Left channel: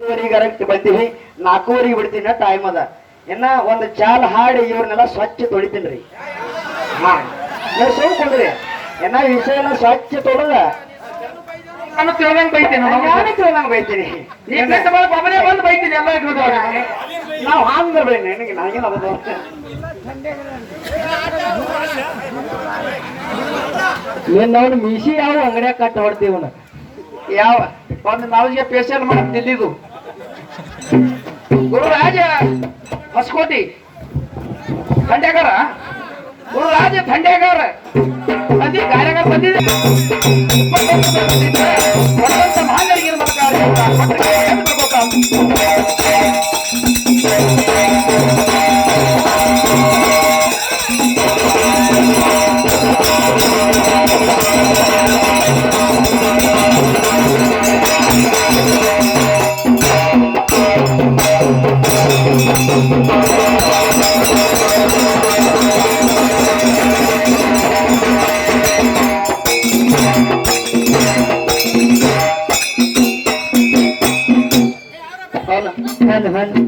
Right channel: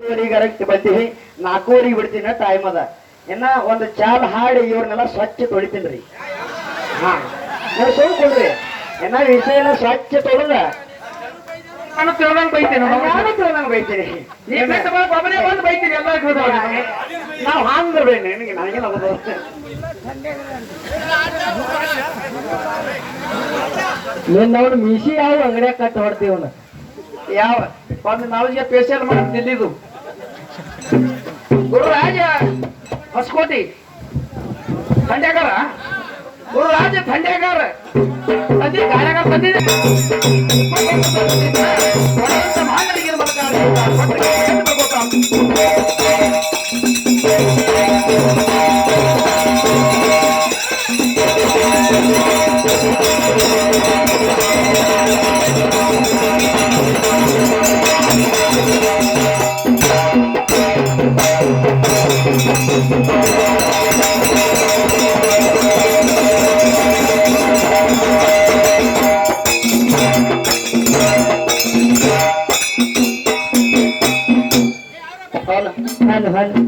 Correct ಬರ್ತೀವಿ 4:30 ಬಿಡ್ತೀನಿ time ಅದ ಇನ್ನ ಒಂದು ಚಾಲ್ ಹಾಡಿ ಇವ್ರನ್ನೆಲ್ಲ ಸ್ವಚ್ಛ ತೊಳಿತೀನ್ರಿ. ಹಾ ನೀವು ಸುಮ್ ಕೊಡ್ರಿ ಏನ ವಿಷಯನ ಸ್ವಚ್ಛ ತೊಳೆದ ನಾನು ತಿಳ್ದಂಗ್ ಬೈತೀನಿ ನಂಗೆ ಬೈತೀನಿ ಒಬ್ಬನೇ ಬಂದು ಬೈತೀನಿ ಎಲ್ಲ ನಾವು ಹಾಂಗ್ ಬರ್ಬೇಡಿ ನನಗೆ ನಾಗೇನ ನೋಡಿ ಮೀಸಿ ಯಾವ ಅಂಗಡಿಯಾಗ ಕಟ್ಟಿ ಹೊಡ್ತೀವನ ಯಾವ ಒಂದು ನಾಲ್ಗೆ ಸ್ಪೆಷಲ್ ಮಾಡಿ ದಿಲ್ಲಿದು ಗುರುರಾಜ ಹೊಸಕೋಟಿ ಖಂಡೇಕರ ಗುರುರಾಜ ಖಂಡೇಕರ ಅದೇ ಕಾರ್ಯಕರ್ತ ಬಂದಿದೆ ಮಹಾನರಿಗೆ ಹಣ್ಣು